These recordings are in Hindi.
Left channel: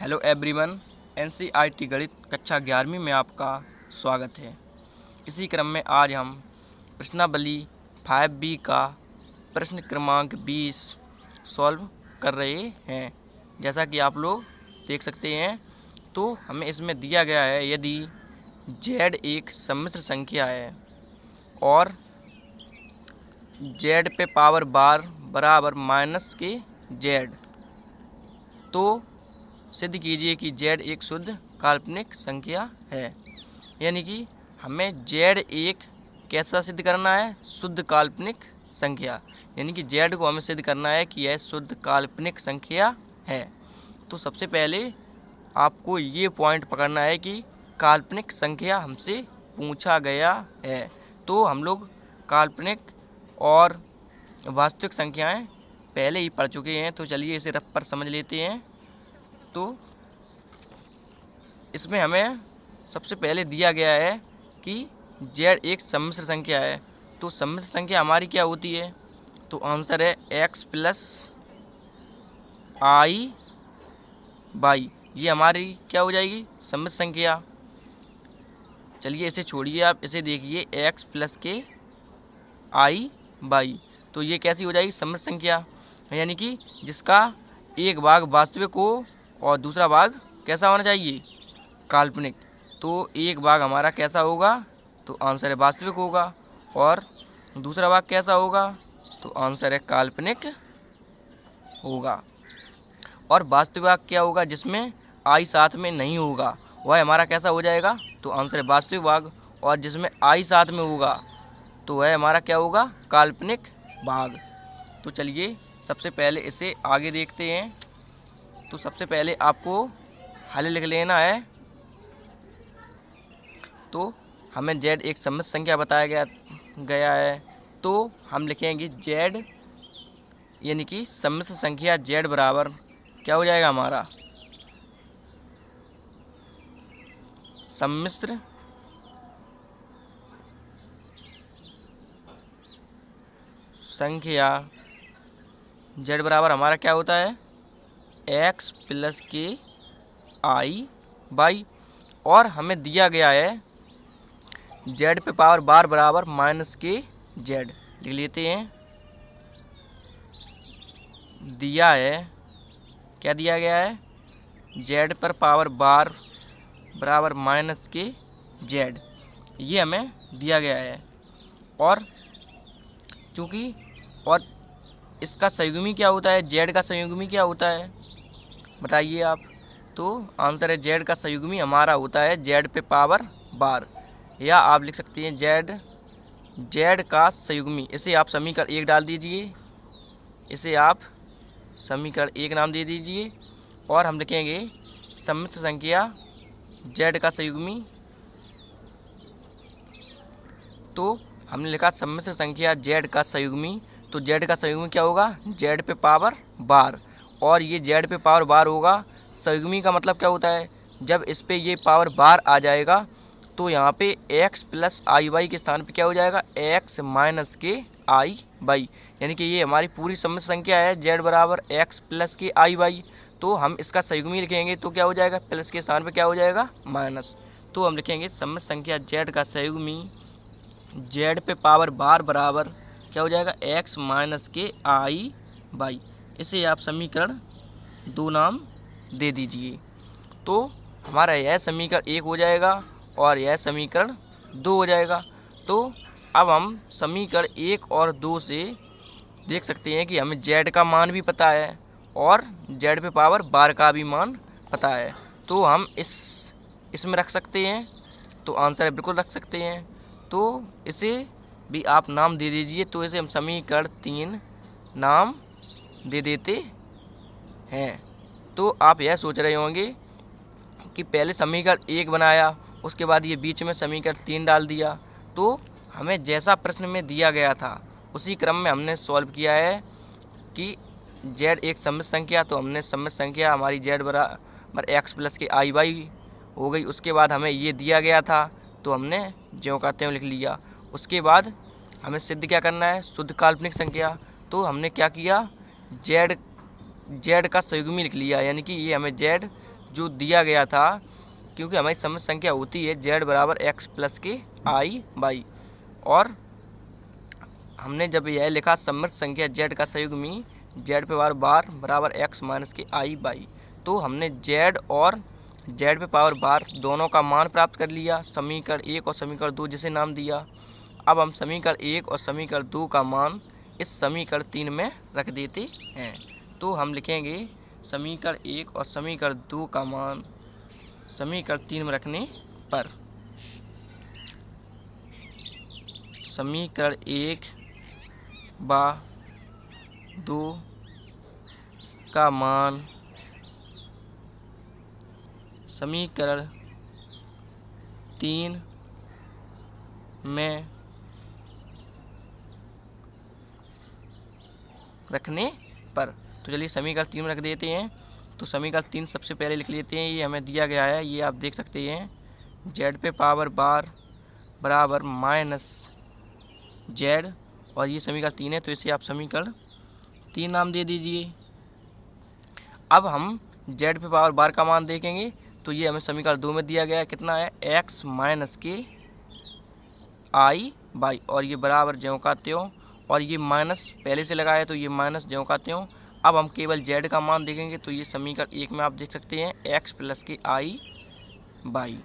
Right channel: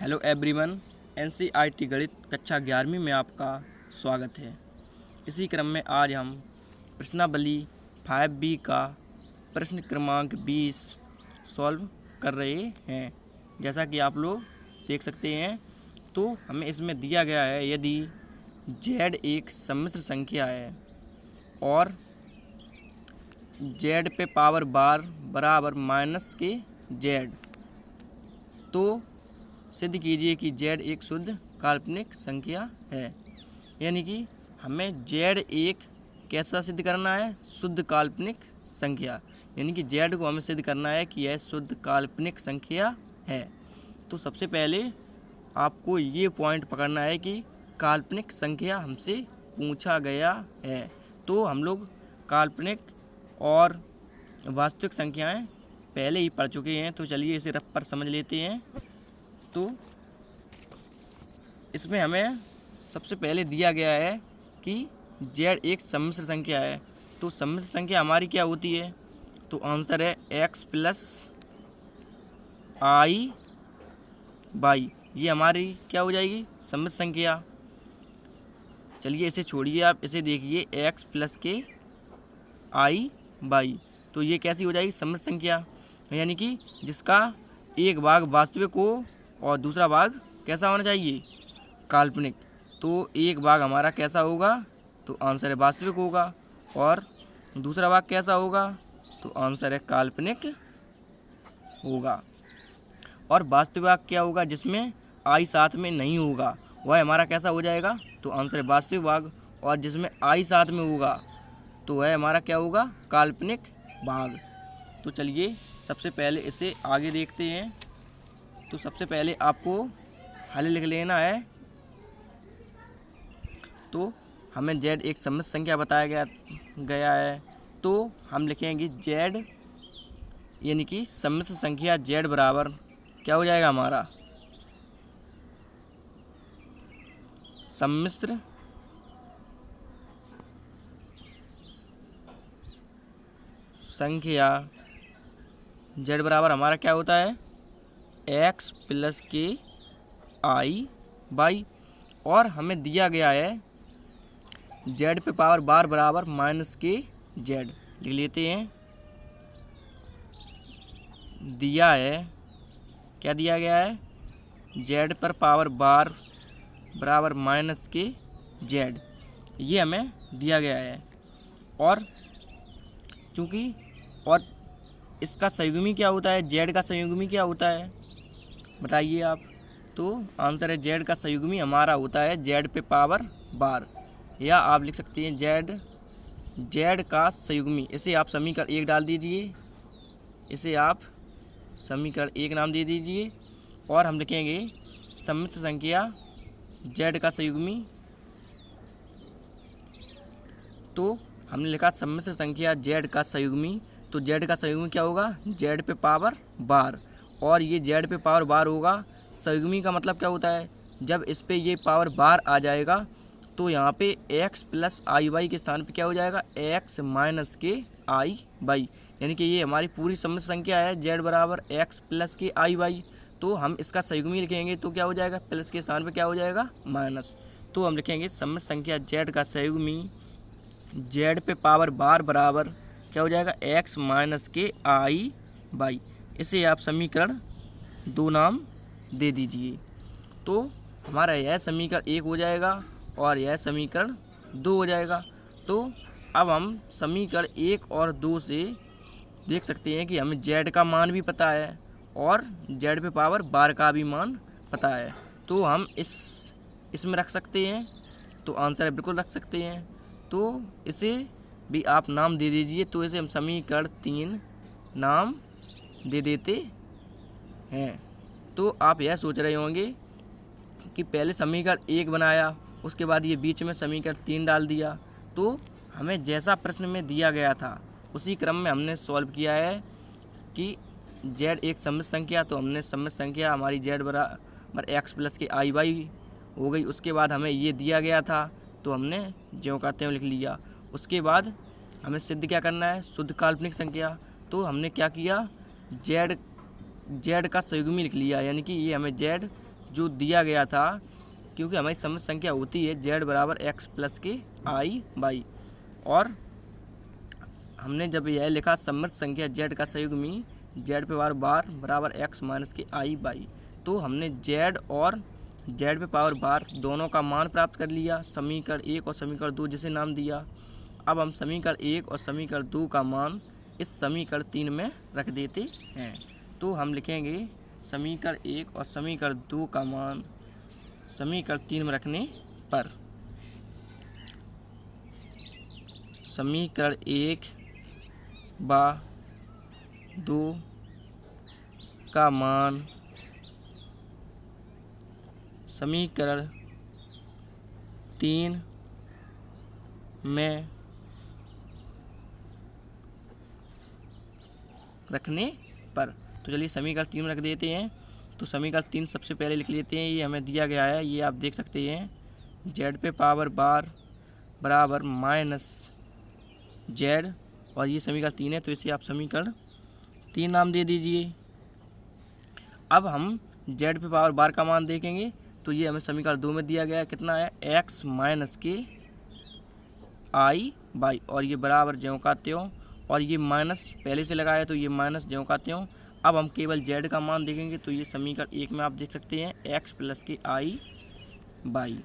Hello everyone. एनसीईआरटी गणित कक्षा 11वीं में आपका स्वागत है। इसी क्रम में आज हम प्रश्नावली 5B का प्रश्न क्रमांक 20 सॉल्व कर रहे हैं। जैसा कि आप लोग देख सकते हैं, तो हमें इसमें दिया गया है यदि z एक सम्मिश्र संख्या है और z पे पावर बार बराबर माइनस के z, तो सिद्ध कीजिए कि z एक शुद्ध काल्पनिक संख्या है। यानी कि हमें z एक कैसा सिद्ध करना है? शुद्ध काल्पनिक संख्या। यानी कि z को हमें सिद्ध करना है कि यह शुद्ध काल्पनिक संख्या है। तो सबसे पहले आपको ये पॉइंट पकड़ना है कि काल्पनिक संख्या हमसे पूछा गया है। तो हम लोग काल्पनिक और वास्तविक संख्याएं पहले ही पढ़ चुके हैं, तो चलिए इसे रफ पर समझ लेते हैं। तो इसमें हमें सबसे पहले दिया गया है कि z एक सम्मिश्र संख्या है। तो सम्मिश्र संख्या हमारी क्या होती है? तो आंसर है x प्लस आई बाई। ये हमारी क्या हो जाएगी? सम्मिश्र संख्या। चलिए इसे छोड़िए, आप इसे देखिए, x प्लस के आई बाई। तो ये कैसी हो जाएगी? सम्मिश्र संख्या। यानी कि जिसका एक भाग वास्तविक हो और दूसरा भाग कैसा होना चाहिए? काल्पनिक। तो एक भाग हमारा कैसा होगा? तो आंसर है वास्तविक होगा। और दूसरा भाग कैसा होगा? तो आंसर है काल्पनिक होगा। और वास्तविक भाग क्या होगा? जिसमें आई साथ में नहीं होगा, वह हमारा कैसा हो जाएगा? तो आंसर है वास्तविक भाग। और जिसमें आई साथ में होगा तो वह हमारा क्या होगा? काल्पनिक भाग। तो चलिए सबसे पहले इसे आगे देखते हैं। तो सबसे पहले आपको हल लिख लेना है। तो हमें z एक सम्मिश्र संख्या बताया गया है, तो हम लिखेंगे z यानी कि सम्मिश्र संख्या z बराबर क्या हो जाएगा हमारा? सम्मिश्र संख्या z बराबर हमारा क्या होता है? x प्लस के आई बाई। और हमें दिया गया है z पे पावर बार बराबर माइनस के z। लिख लेते हैं। दिया है, क्या दिया गया है? z पर पावर बार बराबर माइनस के z, ये हमें दिया गया है। और चूँकि और इसका संयुग्मी क्या होता है? z का संयुग्मी क्या होता है? बताइए आप। तो आंसर है z का संयुग्मी हमारा होता है z पे पावर बार, या आप लिख सकते हैं z का संयुग्मी। इसे आप समीकरण 1 डाल दीजिए, इसे आप समीकरण 1 नाम दे दीजिए। और हम लिखेंगे सम्मिश्र संख्या z का संयुग्मी। तो हमने लिखा सम्मिश्र संख्या z का संयुग्मी। तो z का संयुग्मी क्या होगा? z पे पावर बार। और ये z पे पावर बार होगा। संयुग्मी का मतलब क्या होता है? जब इस पे ये पावर बार आ जाएगा तो यहाँ पे x प्लस आई वाई के स्थान पे क्या हो जाएगा? x माइनस के आई वाई। यानी कि ये हमारी पूरी सम्मिश्र संख्या है z बराबर x प्लस के आई वाई। तो हम इसका संयुग्मी लिखेंगे तो क्या हो जाएगा? प्लस के स्थान पे क्या हो जाएगा? माइनस। तो हम लिखेंगे सम्मिश्र संख्या z का संयुग्मी z पे पावर बार बराबर क्या हो जाएगा? x माइनस के आई बाई। इसे आप समीकरण 2 नाम दे दीजिए। तो हमारा यह समीकरण 1 हो जाएगा और यह समीकरण 2 हो जाएगा। तो अब हम समीकरण 1 और 2 से देख सकते हैं कि हमें z का मान भी पता है और z पे पावर बार का भी मान पता है। तो हम इसमें रख सकते हैं। तो आंसर है बिल्कुल रख सकते हैं। तो इसे भी आप नाम दे दीजिए। तो इसे हम समीकरण 3 नाम दे देते हैं। तो आप यह सोच रहे होंगे कि पहले समीकरण 1 बनाया, उसके बाद ये बीच में समीकरण 3 डाल दिया। तो हमें जैसा प्रश्न में दिया गया था उसी क्रम में हमने सॉल्व किया है कि z एक सम्मिश्र संख्या। तो हमने सम्मिश्र संख्या हमारी z बराबर x प्लस के आई वाई हो गई। उसके बाद हमें ये दिया गया था तो हमने ज्यों का त्यों लिख लिया। उसके बाद हमें सिद्ध क्या करना है? शुद्ध काल्पनिक संख्या। तो हमने क्या किया? z का संयुग्मी लिख लिया। यानी कि ये हमें z जो दिया गया था, क्योंकि हमारी सम्मिश्र संख्या होती है जेड बराबर एक्स प्लस के आई बाई, और हमने जब यह लिखा सम्मिश्र संख्या जेड का संयुग्मी जेड पे पावर बार बराबर एक्स माइनस के आई बाई, तो हमने जेड और जेड पे पावर बार दोनों का मान प्राप्त कर लिया, समीकरण 1 और समीकरण 2 जिसे नाम दिया। अब हम समीकरण 1 और समीकरण 2 का मान इस समीकरण 3 में रख देते हैं। तो हम लिखेंगे समीकरण 1 और समीकरण 2 का मान समीकरण 3 में रखने पर समीकरण 1 बा 2 का मान समीकरण 3 में रखने पर, तो चलिए समीकरण 3 में रख देते हैं। तो समीकरण 3 सबसे पहले लिख लेते हैं, ये हमें दिया गया है, ये आप देख सकते हैं जेड पे पावर बार बराबर माइनस जेड, और ये समीकरण 3 है, तो इसे आप समीकरण 3 नाम दे दीजिए। अब हम जेड पे पावर बार का मान देखेंगे, तो ये हमें समीकरण 2 में दिया गया है, कितना है एक्स माइनस के आई बाई, और ये बराबर ज्यों का त्यों, और ये माइनस पहले से लगाया है तो ये माइनस ज्यों का त्यों। अब हम केवल जेड का मान देखेंगे, तो ये समीकरण 1 में आप देख सकते हैं एक्स प्लस के आई बाई,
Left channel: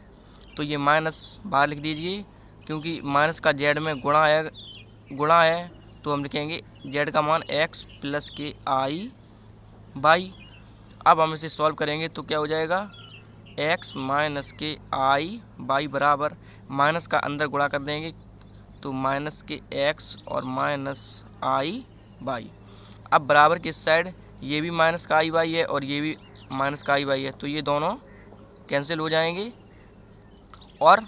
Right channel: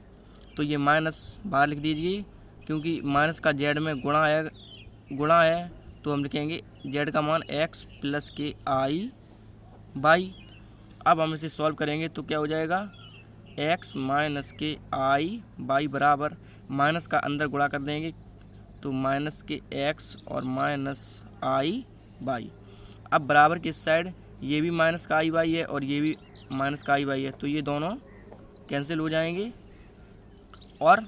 तो ये माइनस बाहर लिख दीजिए, क्योंकि माइनस का जेड में गुणा है, तो हम लिखेंगे जेड का मान एक्स प्लस के आई बाई। अब हम इसे सॉल्व करेंगे तो क्या हो जाएगा, एक्स माइनस के आई बाई बराबर माइनस का अंदर गुणा कर देंगे, तो माइनस के एक्स और माइनस आई बाई। अब बराबर की इस साइड ये भी माइनस का आई बाई है और ये भी माइनस का आई बाई है, तो ये दोनों कैंसिल हो जाएंगे, और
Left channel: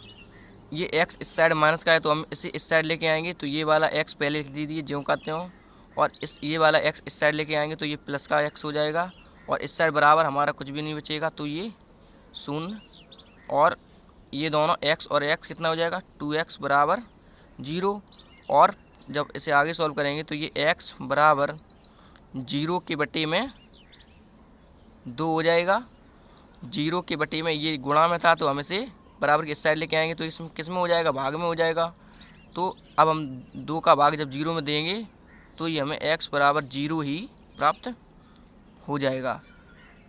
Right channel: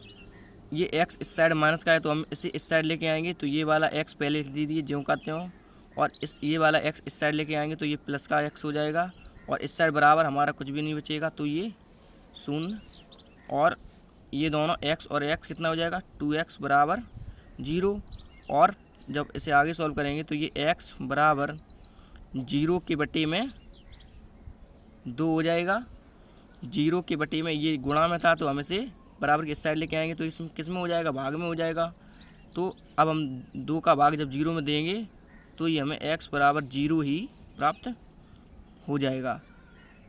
ये एक्स इस साइड माइनस का है तो हम इसे इस साइड लेके आएंगे, तो ये वाला एक्स पहले लिख दीजिए ज्यों का त्यों, और ये वाला एक्स इस साइड लेके आएंगे तो ये प्लस का एक्स हो जाएगा, और इस साइड बराबर हमारा कुछ भी नहीं बचेगा, तो ये शून्य, और ये दोनों एक्स और एक्स कितना हो जाएगा 2x बराबर 0, और जब इसे आगे सॉल्व करेंगे तो ये x बराबर 0 के बटे में 2 हो जाएगा। 0 के बटे में ये गुणा में था, तो हम इसे बराबर के इस साइड लेके आएंगे, तो इसमें किस में हो जाएगा, भाग में हो जाएगा। तो अब हम 2 का भाग जब 0 में देंगे तो ये हमें x बराबर 0 ही प्राप्त हो जाएगा।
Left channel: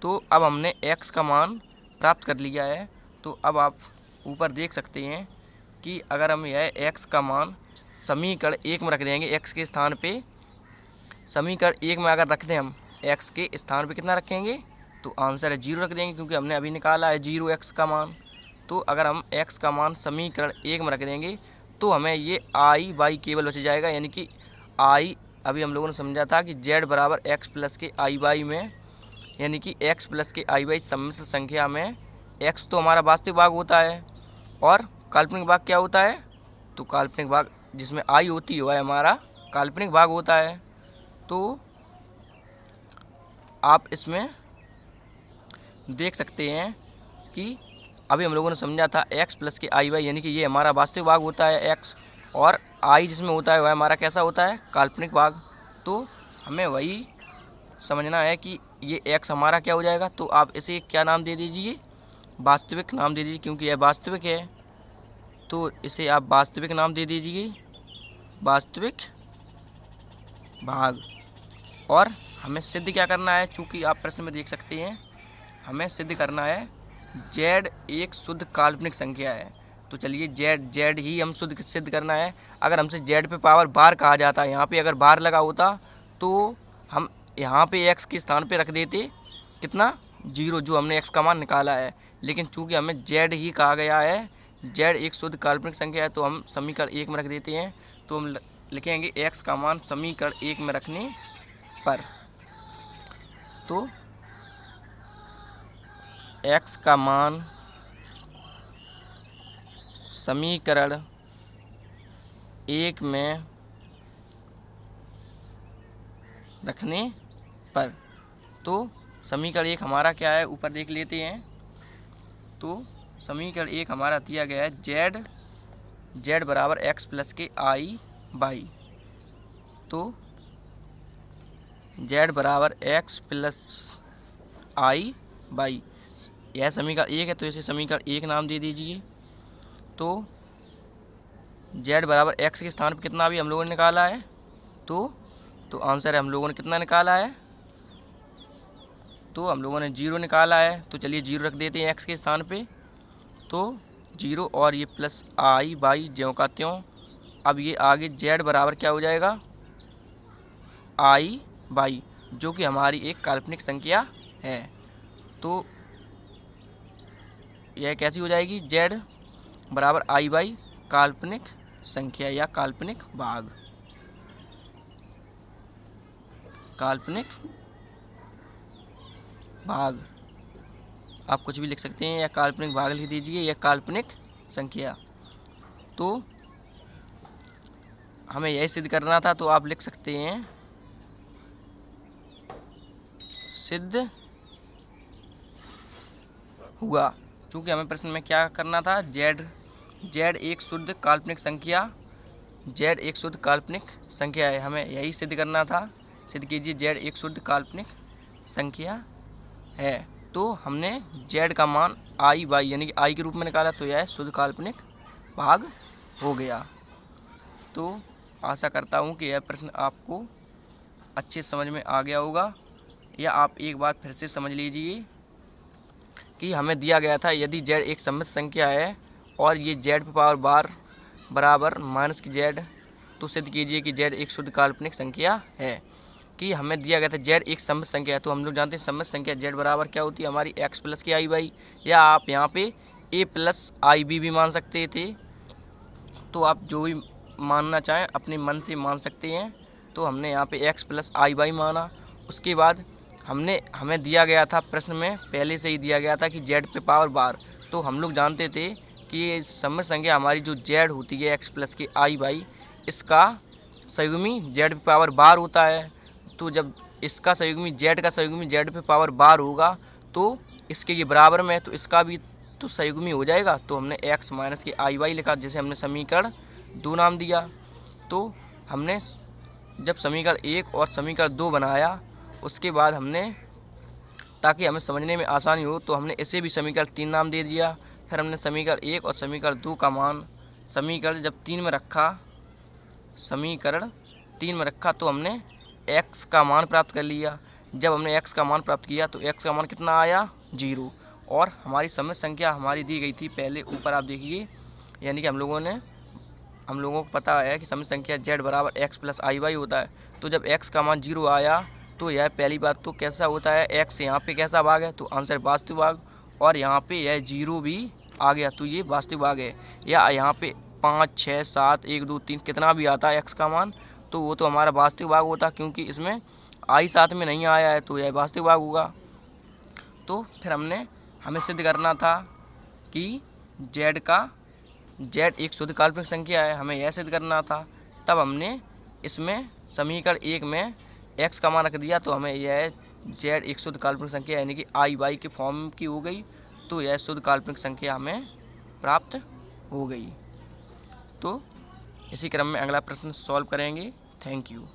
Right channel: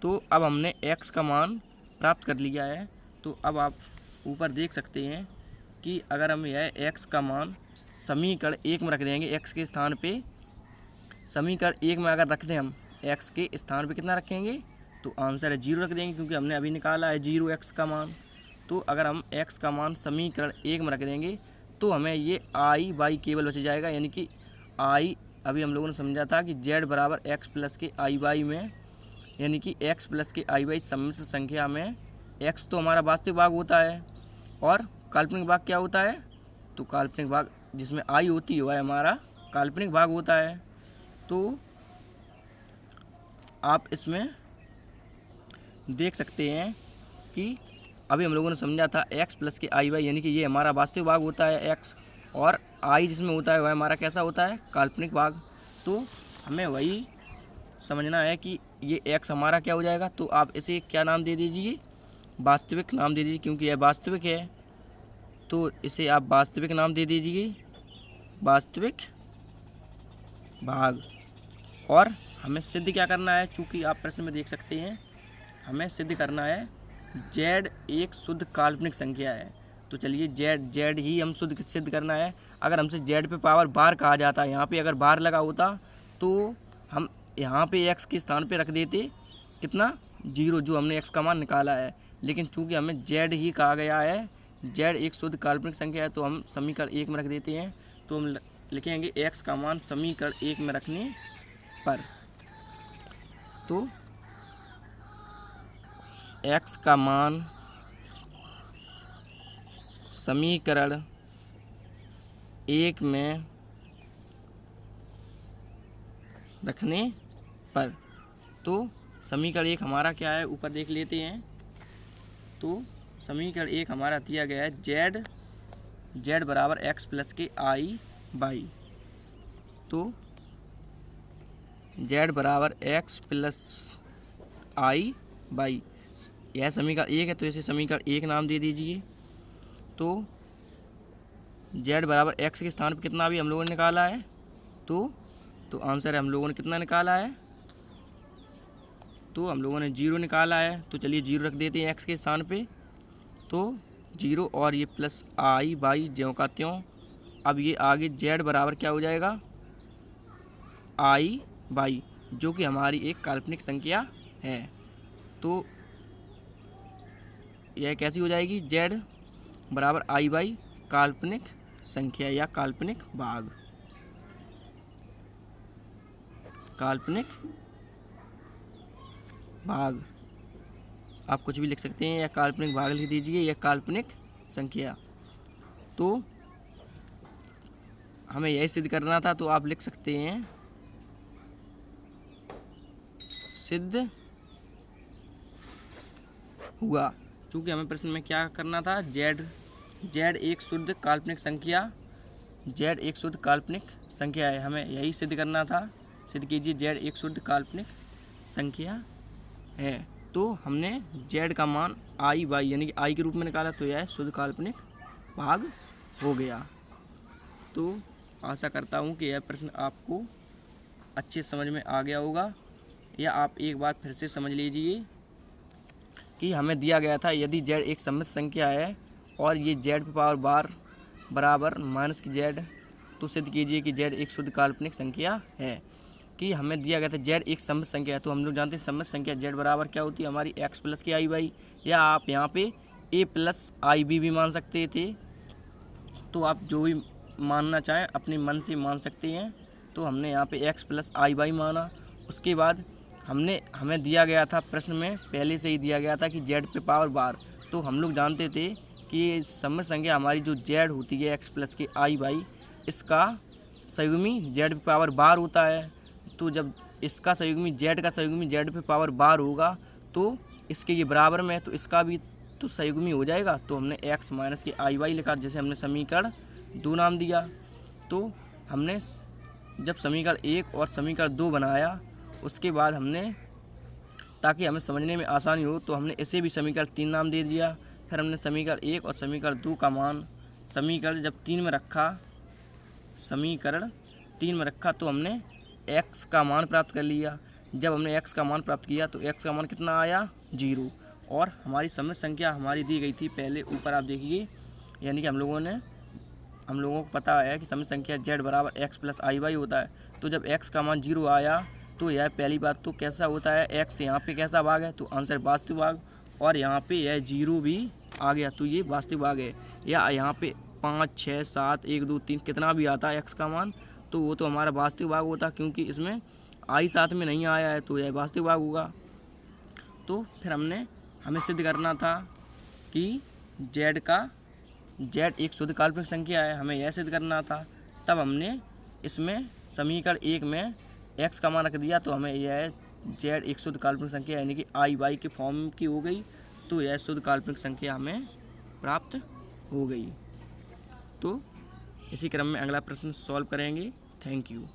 तो अब हमने x का मान प्राप्त कर लिया है। तो अब आप ऊपर देख सकते हैं कि अगर हम यह x का मान समीकरण 1 में रख देंगे, x के स्थान पे समीकरण 1 में अगर रख दें हम x के स्थान पे कितना रखेंगे, तो आंसर है 0 रख देंगे, क्योंकि हमने अभी निकाला है 0 x का मान। तो अगर हम x का मान समीकरण 1 में रख देंगे तो हमें ये आई बाई केवल बच जाएगा, यानी कि आई अभी हम लोगों ने समझा था कि z बराबर एक्स प्लस के आई बाई में, यानी कि x प्लस के आई बाई सम्मिश्र संख्या में x तो हमारा वास्तविक भाग होता है और काल्पनिक भाग क्या होता है, तो काल्पनिक भाग जिसमें आई होती है वह हमारा काल्पनिक भाग होता है। तो आप इसमें देख सकते हैं कि अभी हम लोगों ने समझा था x प्लस के आई बाई, यानी कि ये हमारा वास्तविक भाग होता है x, और i जिसमें होता है वह हमारा कैसा होता है, काल्पनिक भाग। तो हमें वही समझना है कि ये x हमारा क्या हो जाएगा, तो आप इसे क्या नाम दे दीजिए, वास्तविक नाम दे दीजिए, क्योंकि यह वास्तविक है, तो इसे आप वास्तविक नाम दे दीजिए, वास्तविक भाग। और हमें सिद्ध क्या करना है, चूँकि आप प्रश्न में देख सकते हैं हमें सिद्ध करना है z एक शुद्ध काल्पनिक संख्या है। तो चलिए z ही हम सिद्ध करना है। अगर हमसे z पे पावर बार कहा जाता है, यहाँ पे अगर बार लगा होता तो हम यहाँ पे x के स्थान पे रख देते कितना 0, जो हमने x का मान निकाला है। लेकिन चूँकि हमें z ही कहा गया है, z एक शुद्ध काल्पनिक संख्या है, तो हम समीकरण 1 में रख देते हैं। तो हम लिखेंगे x का मान समीकरण 1 में रखने पर, तो x का मान समीकरण 1 में रखने पर, तो समीकरण 1 हमारा क्या है ऊपर देख लेते हैं। तो समीकरण 1 हमारा दिया गया है z बराबर x प्लस के आई बाई, तो z बराबर x प्लस आई बाई, यह समीकरण 1 है तो इसे समीकरण 1 नाम दे दीजिए। तो z बराबर x के स्थान पर कितना भी हम लोगों ने निकाला है, तो आंसर है हम लोगों ने कितना निकाला है, तो हम लोगों ने 0 निकाला है। तो चलिए 0 रख देते हैं x के स्थान पे। तो 0 और ये प्लस आई बाई ज्यों का त्यों। अब ये आगे z बराबर क्या हो जाएगा, आई बाई, जो कि हमारी एक काल्पनिक संख्या है। तो यह कैसी हो जाएगी, z बराबर आई बाई काल्पनिक संख्या या काल्पनिक भाग, काल्पनिक भाग आप कुछ भी लिख सकते हैं, या काल्पनिक भाग लिख दीजिए या काल्पनिक संख्या। तो हमें यही सिद्ध करना था, तो आप लिख सकते हैं सिद्ध हुआ। क्योंकि हमें प्रश्न में क्या करना था, z एक शुद्ध काल्पनिक संख्या, z एक शुद्ध काल्पनिक संख्या है, हमें यही सिद्ध करना था। सिद्ध कीजिए z एक शुद्ध काल्पनिक संख्या है। तो हमने z का मान आई बाई यानी कि आई के रूप में निकाला, तो यह शुद्ध काल्पनिक भाग हो गया। तो आशा करता हूँ कि यह प्रश्न आपको अच्छे समझ में आ गया होगा, या आप एक बार फिर से समझ लीजिए कि हमें दिया गया था यदि z एक सममित संख्या है और ये z पे पावर बार बराबर माइनस की z, तो सिद्ध कीजिए कि z एक शुद्ध काल्पनिक संख्या है। कि हमें दिया गया था z एक सममित संख्या है, तो हम लोग जानते हैं सममित संख्या z बराबर क्या होती है, हमारी x प्लस की आई बाई, या आप यहाँ पे a प्लस आई बी भी मान सकते थे। तो आप जो भी मानना चाहें अपने मन से मान सकते हैं। तो हमने यहाँ पे x प्लस आई बाई माना। उसके बाद हमें दिया गया था प्रश्न में पहले से ही दिया गया था कि z पे पावर बार, तो हम लोग जानते थे कि ये सममित संख्या हमारी जो z होती है x प्लस की आई बाई, इसका संयुग्मी z पे पावर बार होता है। तो जब इसका संयुग्मी z का संयुग्मी z पे पावर बार होगा तो इसके ये बराबर में है, तो इसका भी तो संयुग्मी हो जाएगा। तो हमने x माइनस की आई बाई लिखा, जिसे हमने समीकरण 2 नाम दिया। तो हमने जब समीकरण 1 और समीकरण 2 बनाया, उसके बाद हमने, ताकि हमें समझने में आसानी हो, तो हमने इसे भी समीकरण 3 नाम दे दिया। फिर हमने समीकरण 1 और समीकरण 2 का मान समीकरण जब 3 में रखा, समीकरण 3 में रखा, तो हमने x का मान प्राप्त कर लिया। जब हमने x का मान प्राप्त किया तो x का मान कितना आया, 0। और हमारी सममित संख्या हमारी दी गई थी पहले, ऊपर आप देखिए, यानी कि हम लोगों को पता है कि सममित संख्या z बराबर x प्लस आई बाई होता है। तो जब x का मान 0 आया तो यह पहली बात तो कैसा होता है, x यहाँ पे कैसा भाग है, तो आंसर वास्तविक भाग, और यहाँ पे यह 0 भी आ गया, तो ये वास्तविक भाग है। या यहाँ पे 5, 6, 7, 1, 2, 3 कितना भी आता है x का मान, तो वो तो हमारा वास्तविक भाग होता, क्योंकि इसमें आई साथ में नहीं आया है, तो यह वास्तविक भाग होगा। तो फिर हमें सिद्ध करना था कि z एक शुद्ध काल्पनिक संख्या है, हमें यह सिद्ध करना था। तब हमने इसमें समीकरण 1 में x का मान रख दिया, तो हमें यह z एक शुद्ध काल्पनिक संख्या यानी कि आई बाई के फॉर्म की हो गई। तो यह शुद्ध काल्पनिक संख्या हमें प्राप्त हो गई। तो इसी क्रम में अगला प्रश्न सॉल्व करेंगे। Thank you.